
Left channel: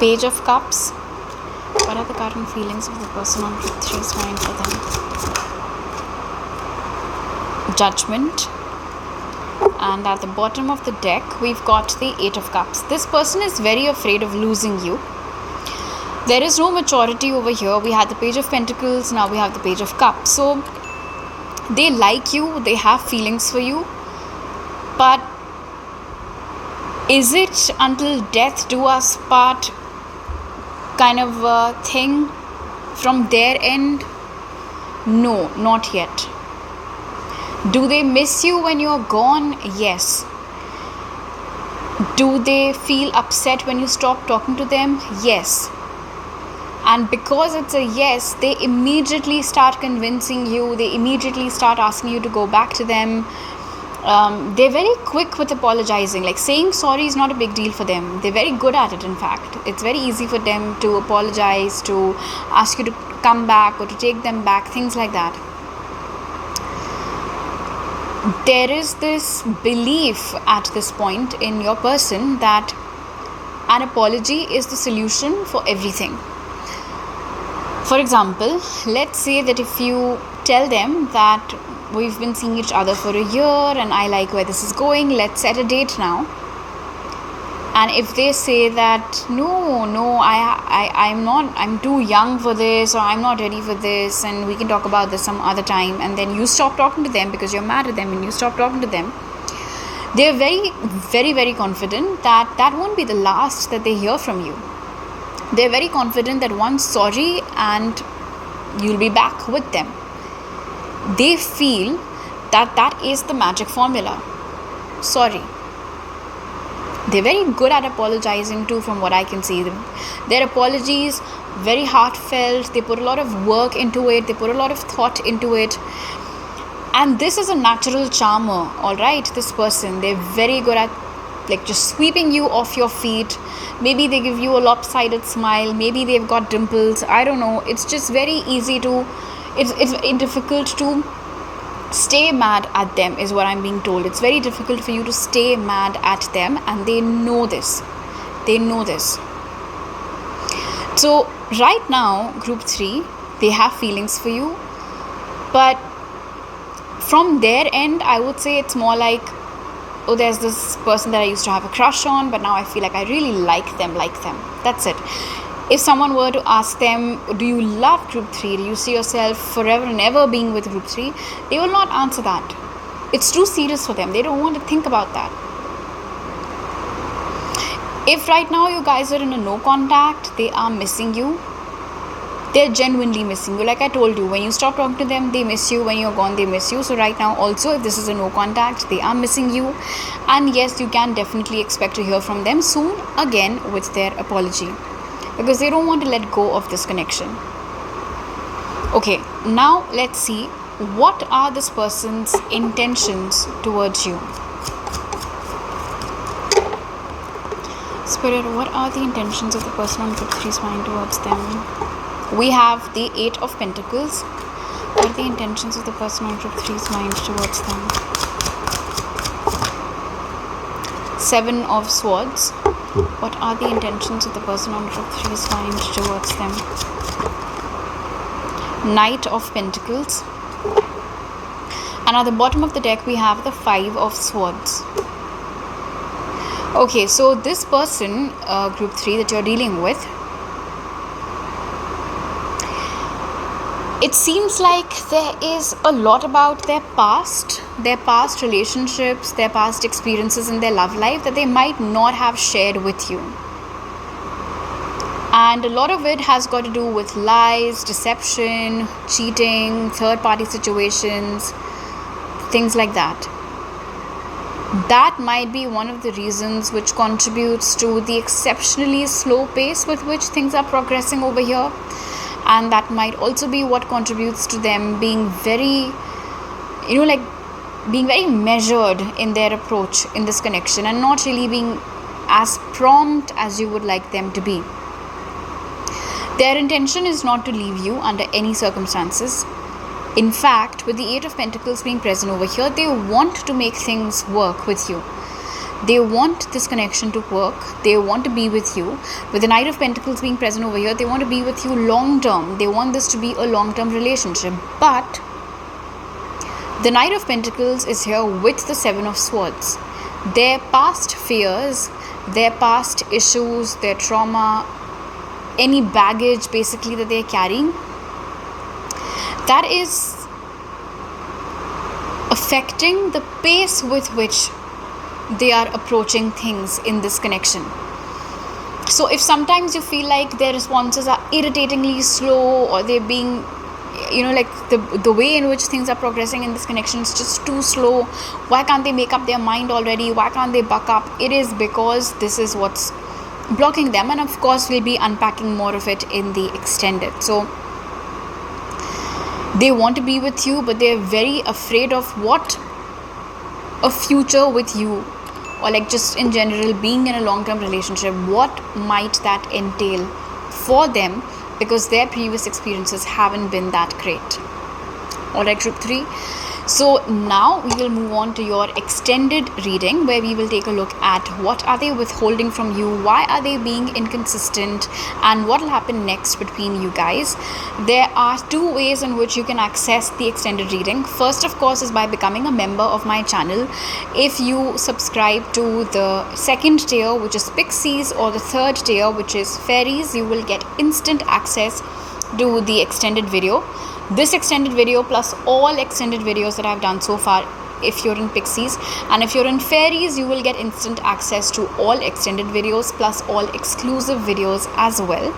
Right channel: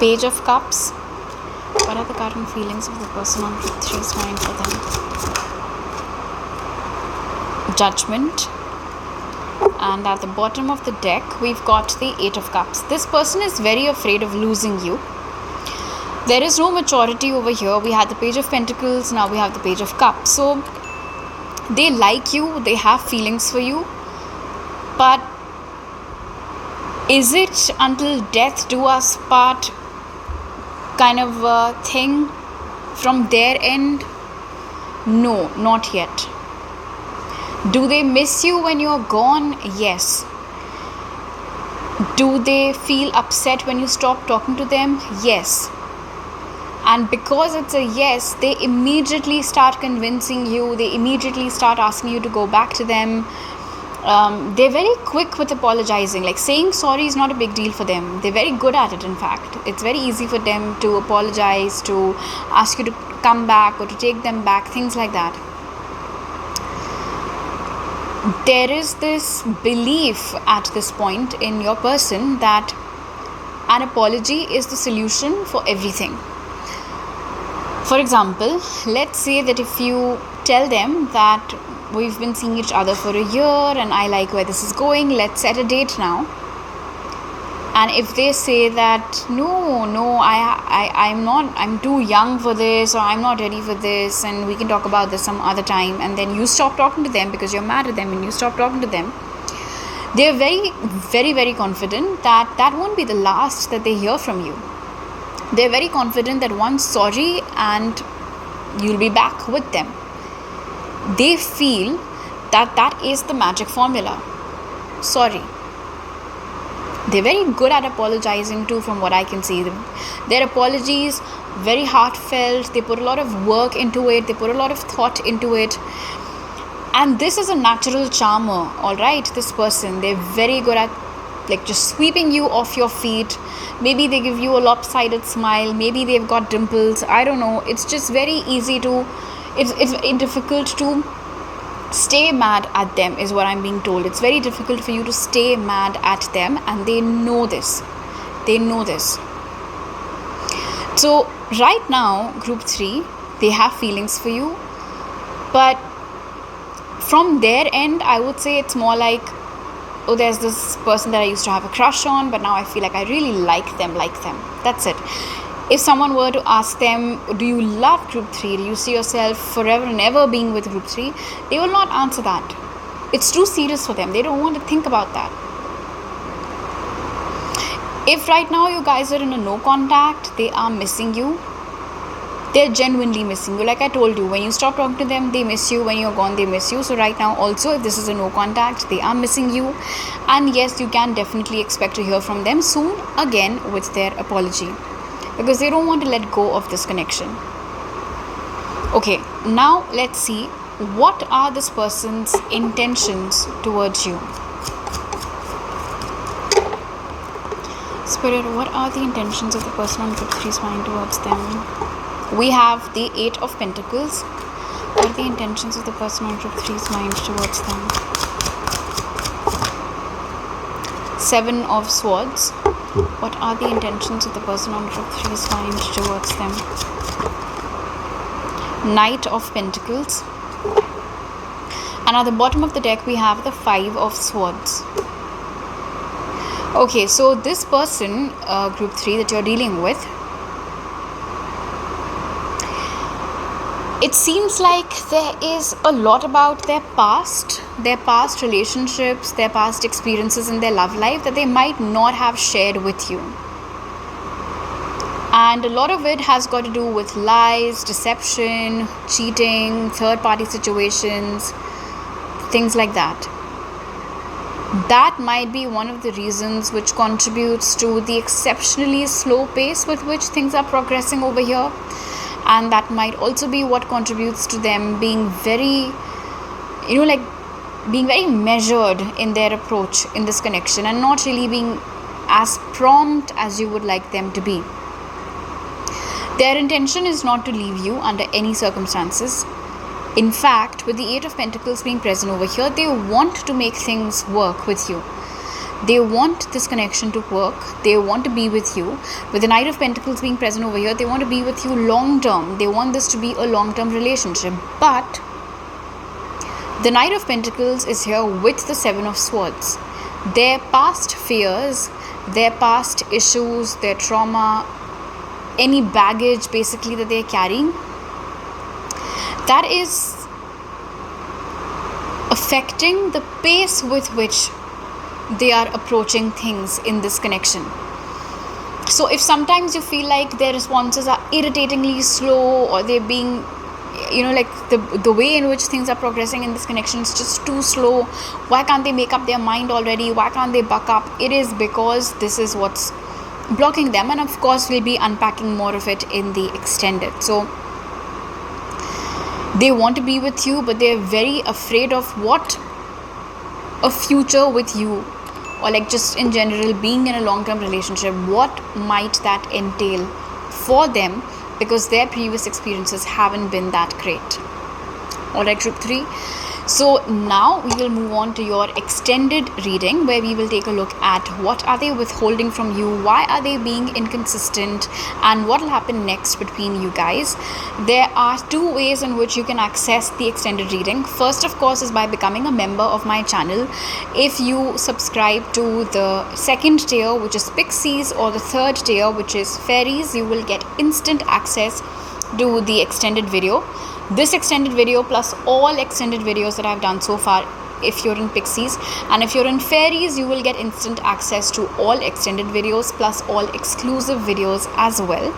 Page of Cups. What are the current feelings of the person on group 3's mind for them? Judgment. And at the bottom of the deck, we've got the 8 of Cups. This person is very afraid of losing you. There is no maturity over here. We had the Page of Pentacles, now we have the Page of Cups. So they like you, they have feelings for you, but is it until death do us part kind of a thing from their end? No, not yet. Do they miss you when you're gone? Yes. Do they feel upset when you stop talking to them? Yes. And because it's a yes, they immediately start convincing you, they immediately start asking you to go back to them. They're very quick with apologizing. Like, saying sorry is not a big deal for them. They're very good at it, in fact. It's very easy for them to apologize, to ask you to come back or to take them back, things like that. There is this belief at this point in your person that an apology is the solution for everything. For example, let's say that if you tell them that we've been seeing each other for a year and I like where this is going, let's set a date now. And if they say that I'm too young for this, or I'm not ready for this, and we can talk about this some other time, and then you stop talking to them because you're mad at them and you stop talking to them, They're very, very, very confident that that won't be the last that they hear from you. They're very confident that once sorry and you'll be back with them. They feel that that is the magic formula. Sorry. They're very good at apologizing too, from what I can see. Their apologies, very heartfelt. They put a lot of work into it. They put a lot of thought into it. And this is a natural charmer, all right? This person, they're very good at like just sweeping you off your feet. Maybe they give you a lopsided smile. Maybe they've got dimples. I don't know. It's just very easy to, it's difficult to stay mad at them, is what I'm being told. It's very difficult for you to stay mad at them, and they know this. They know this. So right now, group 3, they have feelings for you, but from their end, I would say it's more like, oh, there's this person that I used to have a crush on, but now I feel like I really like them. That's it. If someone were to ask them, do you love group 3? Do you see yourself forever and ever being with group 3? They will not answer that. It's too serious for them. They don't want to think about that. If right now you guys are in a no contact, they are missing you. They're genuinely missing you. Like I told you, when you stop talking to them, they miss you. When you're gone, they miss you. So right now also, if this is a no contact, they are missing you. And yes, you can definitely expect to hear from them soon again with their apology, because they don't want to let go of this connection. Okay, now let's see what are this person's intentions towards you. Spirit, what are the intentions of the person on group 3's mind towards them? We have the 8 of Pentacles. What are the intentions of the person on group 3's mind towards them? 7 of Swords. What are the intentions of the person on group 3's mind towards them? Knight of Pentacles. And at the bottom of the deck, we have the 5 of Swords. Okay, so this person, group 3 that you're dealing with, it seems like there is a lot about their past relationships, their past experiences in their love life that they might not have shared with you. And a lot of it has got to do with lies, deception, cheating, third-party situations, things like that. That might be one of the reasons which contributes to the exceptionally slow pace with which things are progressing over here. And that might also be what contributes to them being very, being very measured in their approach in this connection, and not really being as prompt as you would like them to be. Their intention is not to leave you under any circumstances. In fact, with the 8 of Pentacles being present over here, they want to make things work with you. They want this connection to work. They want to be with you. With the Knight of Pentacles being present over here, they want to be with you long term. They want this to be a long term relationship. But the Knight of Pentacles is here with the 7 of Swords. Their past fears, their past issues, their trauma, any baggage basically that they're carrying, that is affecting the pace with which they are approaching things in this connection. So if sometimes you feel like their responses are irritatingly slow, or they're being, the way in which things are progressing in this connection is just too slow, why can't they make up their mind already, why can't they buck up? It is because this is what's blocking them, and of course we'll be unpacking more of it in the extended. So they want to be with you, but they're very afraid of what a future with you, or like just in general being in a long-term relationship, what might that entail for them, because their previous experiences haven't been that great. Alright, group 3. So now we will move on to your extended reading, where we will take a look at what are they withholding from you, why are they being inconsistent, and what will happen next between you guys. There are 2 ways in which you can access the extended reading. First, of course, is by becoming a member of my channel. If you subscribe to the second tier, which is Pixies, or the third tier, which is Fairies, you will get instant access to the extended video. This extended video plus all extended videos that I've done so far if you're in Pixies, and if you're in Fairies, you will get instant access to all extended videos plus all exclusive videos as well.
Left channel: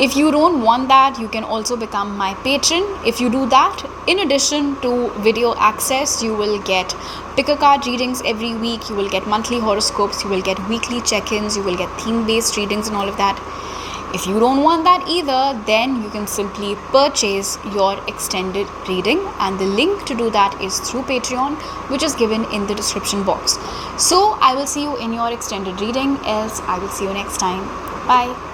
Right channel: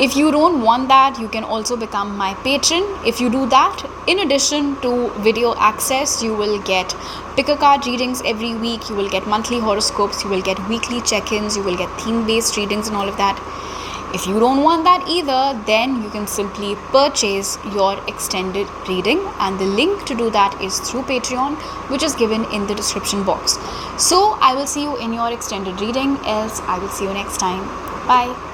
If you don't want that, you can also become my patron. If you do that, in addition to video access, you will get pick a card readings every week, you will get monthly horoscopes, you will get weekly check-ins, you will get theme-based readings and all of that. If you don't want that either, then you can simply purchase your extended reading, and the link to do that is through Patreon, which is given in the description box. So I will see you in your extended reading, else I will see you next time. Bye.